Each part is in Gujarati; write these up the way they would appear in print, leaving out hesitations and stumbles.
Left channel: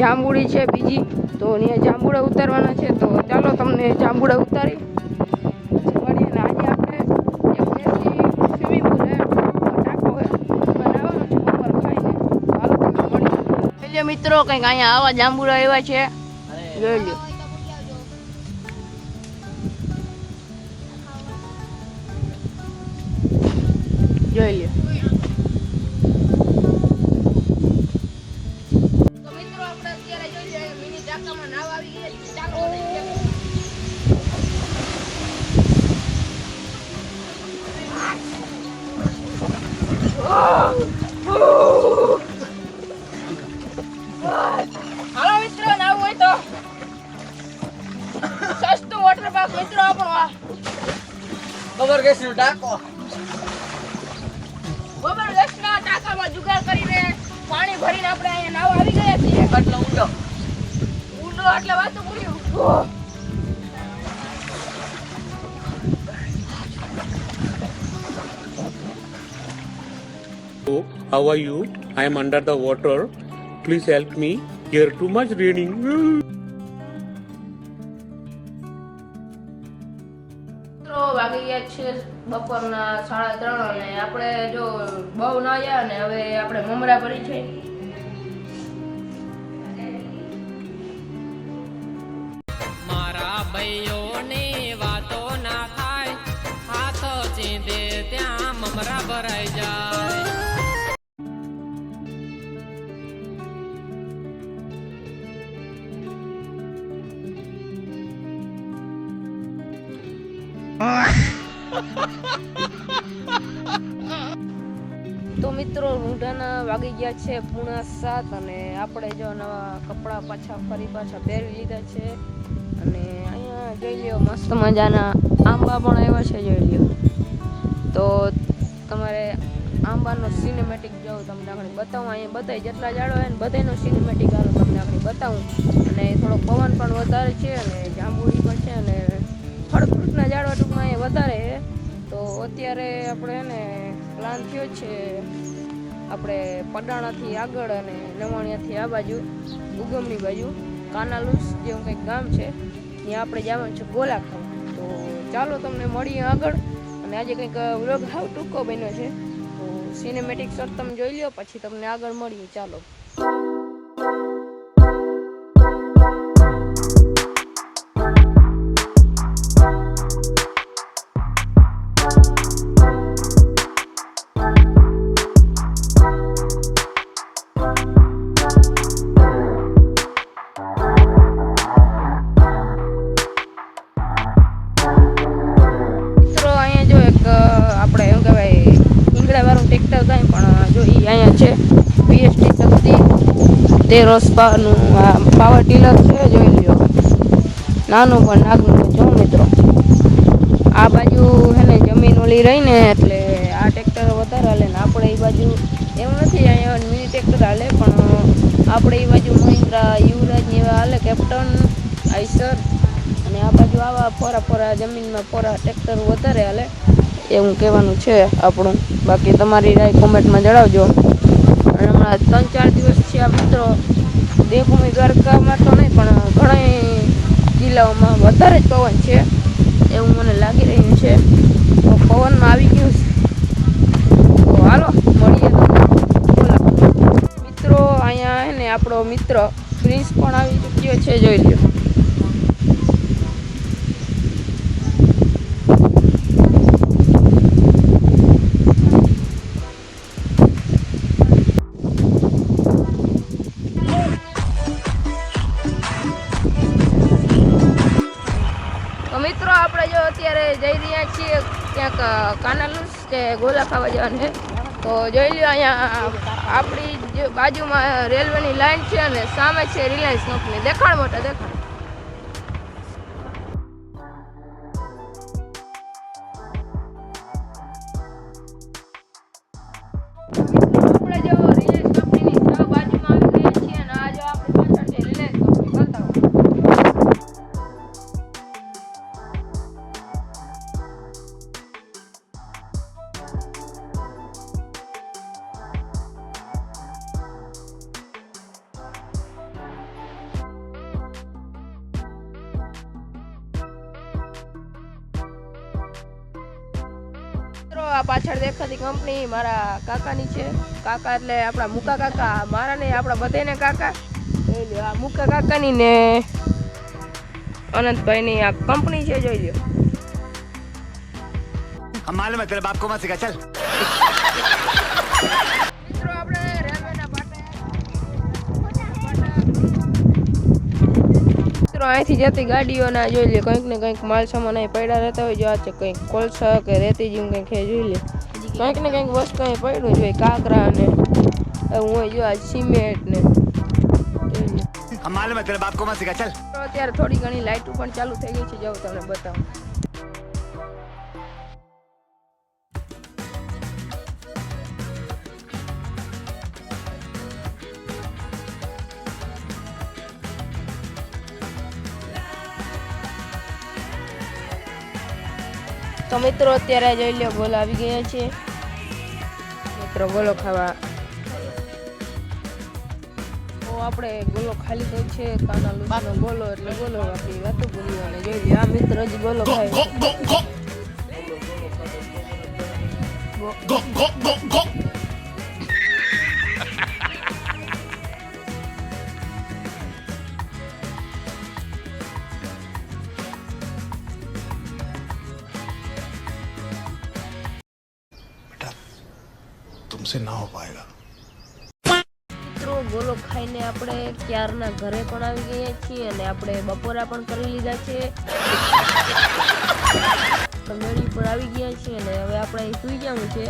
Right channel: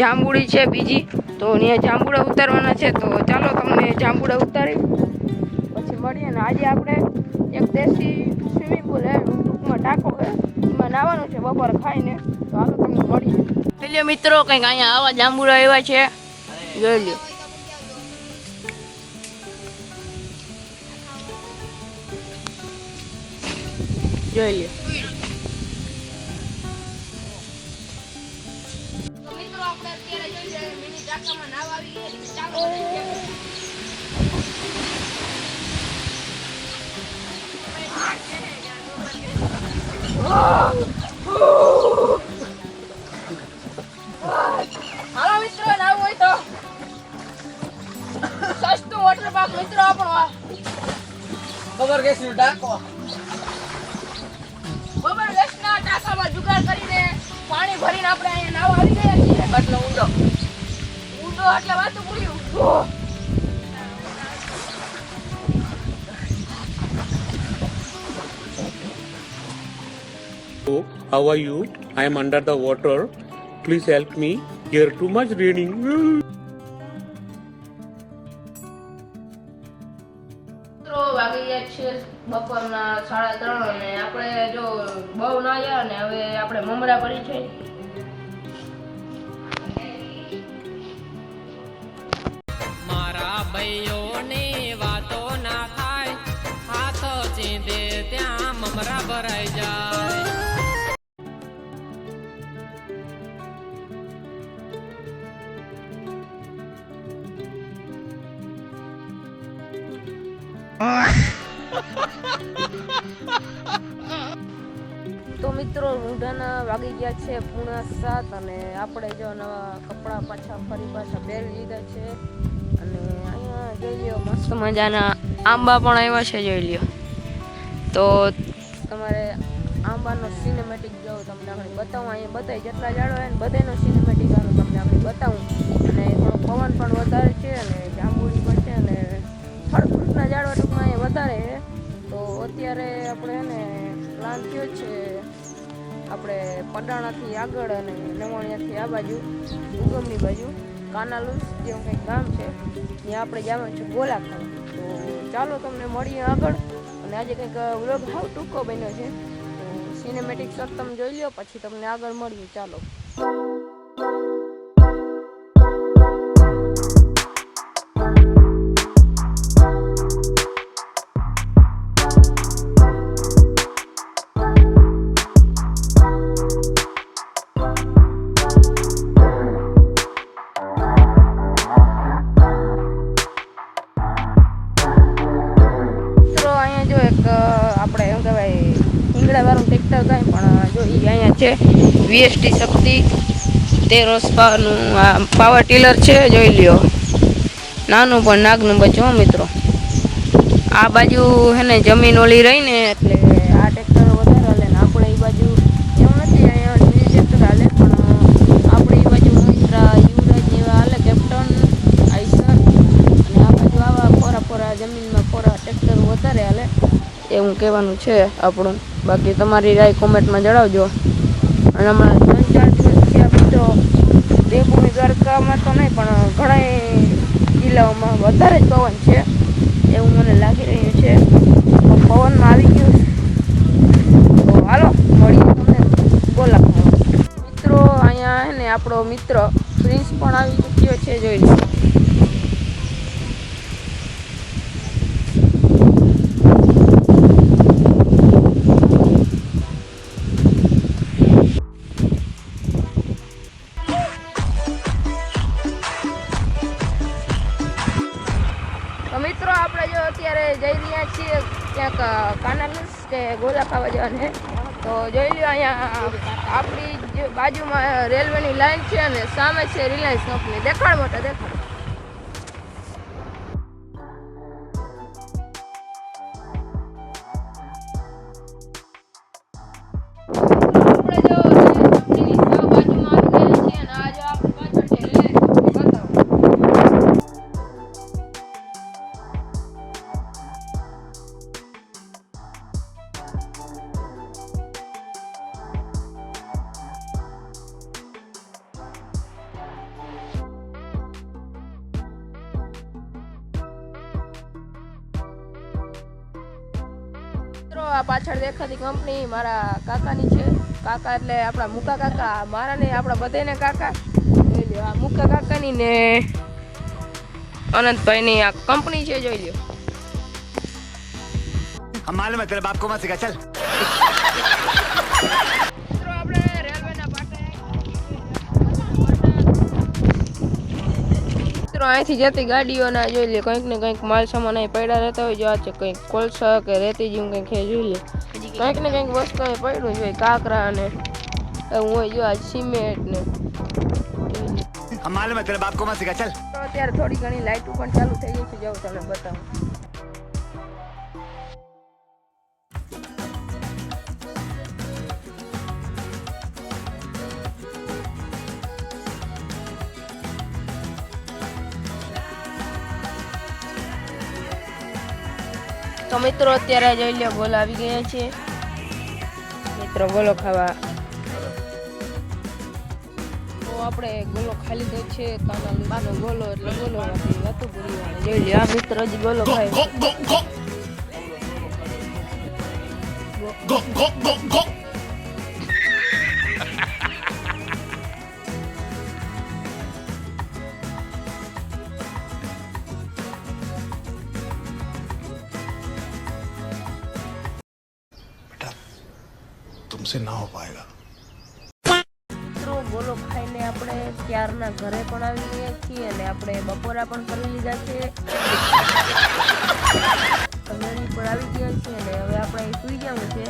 જાંબુડી છે બીજી, તો અહીંયા જાંબુડા ઉતારવાના છે. તો ચાલો તમને જાંબુડા ઉતારી પછી મળીએ. ને આજે આપણે એક દેશી સ્વિમિંગ પુલ છે, ટાંકો છે, એમાં નાવાનું છે બપોર ખાઈને. તો હાલો તમને મળીએ. જોઈ લો મિત્રો, કંઈક અહીંયા આવા જાંબુડા એવા છે, જોઈ લો. જોઈ લો. મિત્રો આપણે અત્યારે જોઈએ મિની ટાંકામાં નાવા આવી ગયા છે. ચાલો હાલો મિત્રો, નાવું હોય તો સસ્તું વોટર પાર્ક મિત્રો આપણો આ ખબર કે શું ટાંકો બબર ગેસના ટાંકામાં જુગાડ કરીને પાણી ભરીને આપણે અહીંયા નાવા આવી ગયા છીએ. આટલો ઊંડો એટલે વાતું પૂર્યું. How are you? I am under the water. Please help me. Here too much raining. વાગી ગયા છે બપોરના 3:30 અને આપણે જો બહુ ના આવ્યા ને હવે આપણે મમરા ભરી છે. મારા ભાઈઓની વાતો ના થાય, હાથ ચીંધે ત્યાં મમરા ભરાઈ જાય. તો મિત્રો રૂંઢાના વાગી ગયા છે 7:30 અને આપણે જો નવા કપડાં પાછા પહેરી લીધા છે. અને અહીંયા જોઈ લ્યો મસ્ત મજાના આંબા પણ આવ્યા છે, જોઈ લ્યો. તો તમારે આંબાનો સિનેમેટિક જોઉં તમને આગળ બતાવું. અહીંયા બધાય જેટલા ઝાડો હોય ને બધાનો સિનેમેટિક આનો તમને આગળ બતાવું. અને થોડો પવન પણ વધારે છે અને જાંબુડી પણ છે અને ફળ ફ્રૂટના ઝાડવા ટૂંકમાં અહીંયા વધારે છે. તો અત્યારે આપણે એને પ્લાન થયો છે આપણે પડાણાથી આગળ અને નવાણિયાથી આ બાજુ ઉગમની બાજુ કાનાલુસ જેવું કંઈક ગામ છે, ત્યાં આપણે જવાનું છે ગોલા ખાવા. તો ચાલો તમને મળીએ આગળ. અને આજે કંઈક વ્લોગ હાવ ટૂંકો બન્યો છે, તો સિનેમેટિક શોટ તમે જોઈ લો પછી તમને આગળ મળીએ. ચાલો. આપણે એમ કહેવાય ઈંગડાવાળું ટ્રેક્ટર કાંઈ પણ જો એ અહીંયા છે વીએસટી શક્તિ 13 હોર્સ પાવરનું આ પાવર ટીલર છે, જોઈ લ્યો. નાનું પણ નાગનું બચ્ચું મિત્રો. આ બાજુ હે ને જમીન ઓલી રહીને એટલે આ ટ્રેક્ટર વધારે હાલે ને આપણે એ બાજુ એવું નથી, અહીંયા મિની ટ્રેક્ટર હાલે પણ આપણે એ બાજુ મહિન્દ્રા યુવરાજ ને એવા હાલે, કેપ્ટન આઈસર. અને આ બાજુ આવા ફોરા જમીનમાં ટ્રેક્ટર વધારે હાલે એવું કહેવાનું છે આપણું. બાકી તમારી રાય કોમેન્ટમાં જણાવજો. અને હમણાં 3-4 દિવસ છે આ મિત્રો દેવભૂમિ દ્વારકામાં તો નહીં પણ ઘણા જિલ્લાઓમાં વધારે જ પવન છે એવું મને લાગી રહ્યું છે. તો પવનમાં આવી ગયું છે. તો હાલો મળીએ તમને બોલા મિત્રો. અહીંયા હે ને આપણો મિત્ર પ્રિન્સ પણ આવી ચૂક્યો છે, જોઈ લો. મિત્રો આપણે જો અત્યારે જઈ રહ્યા છીએ ક્યાંક કાનાલુસ કે ગોલા ખાવા જવાને. તો જોઈ લો અહીંયા આપણી બાજુમાં રેલવેની લાઈન છે અને સામે છે રિલાયન્સ કંપની. દેખાડ મોટા દેખાડ. આપણે જો રિલાયન્સ કંપનીની બાજુમાં આવી ગયા છીએ અને આ જો આપણે પાછળ છે રિલાયન્સ કંપની. બતાવો. મિત્રો આ પાછળ દેખાતી કંપની મારા કાકાની છે. કાકા એટલે આપણા મુકા કાકા, મારા ને આપણા બધાને કાકા. જોઈ લ્યો આ મુકા કાકાની ને અનંતભાઈની આ કંપની છે, જોઈ લ્યો. हम मालूम है तेरे बाप को मत सिखा चल મિત્રો આપણે રેલવેના પાટા મિત્રો અહીંથી જતી ગાડીઓના જોઈ લે કંઈક ને કંઈક માલ સામાન અહીં પડ્યા રહેતા હોય. જો આ છે કંઈક કોલસા કે રેતી જેવું કંઈક છે, જોઈ લે કંઈક ને કંઈક વસ્તુ અહીં પડ્યું જોઈએ. કાકરા ને એવું હોય, જો આ સિમેન્ટ ને જોઈ લે. हम मालूम है तेरे बाप को मत सिखा चल તો અત્યારે થોડી ઘણી લાઇટો પણ ચાલુ થઈ ગઈ છે, જાઉં તમને બતાવું. તો મિત્રો અત્યારે જોઈ લો ગોલો આવી ગયા છે. મિત્રો ગોલો ખાવા તો આપણે ગોલો ખાલી તો છે. કાના લૂસાનો ગોલો એટલે ગોલો બાકી વાતો બોલવાની. જોઈ લો આ મિત્ર હજી ગોલો ખાય. तुमसे ना हो पाएगा મિત્રો ગોલો ખાઈને આપણે ક્યારના ઘરે પણ આવી ગયા છીએ અને આપણે બપોરા પણ કરી લીધા છે. મેળી પણ આવી ગયા છે અને હવે આપણે અહીં સુઈ જવું છે.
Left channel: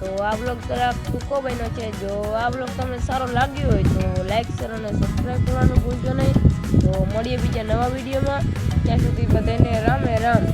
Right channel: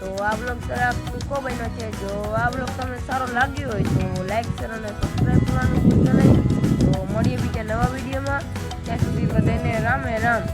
તો આ બ્લોગ જરાક ટૂંકો બન્યો છે. જો આ બ્લોગ તમને સારો લાગ્યો હોય તો લાઈક શેર અને સબસ્ક્રાઈબ કરવાનું ભૂલજો નહીં. તો મળીએ બીજા નવા વિડીયોમાં. ત્યાં સુધી બધાને રામે રામ.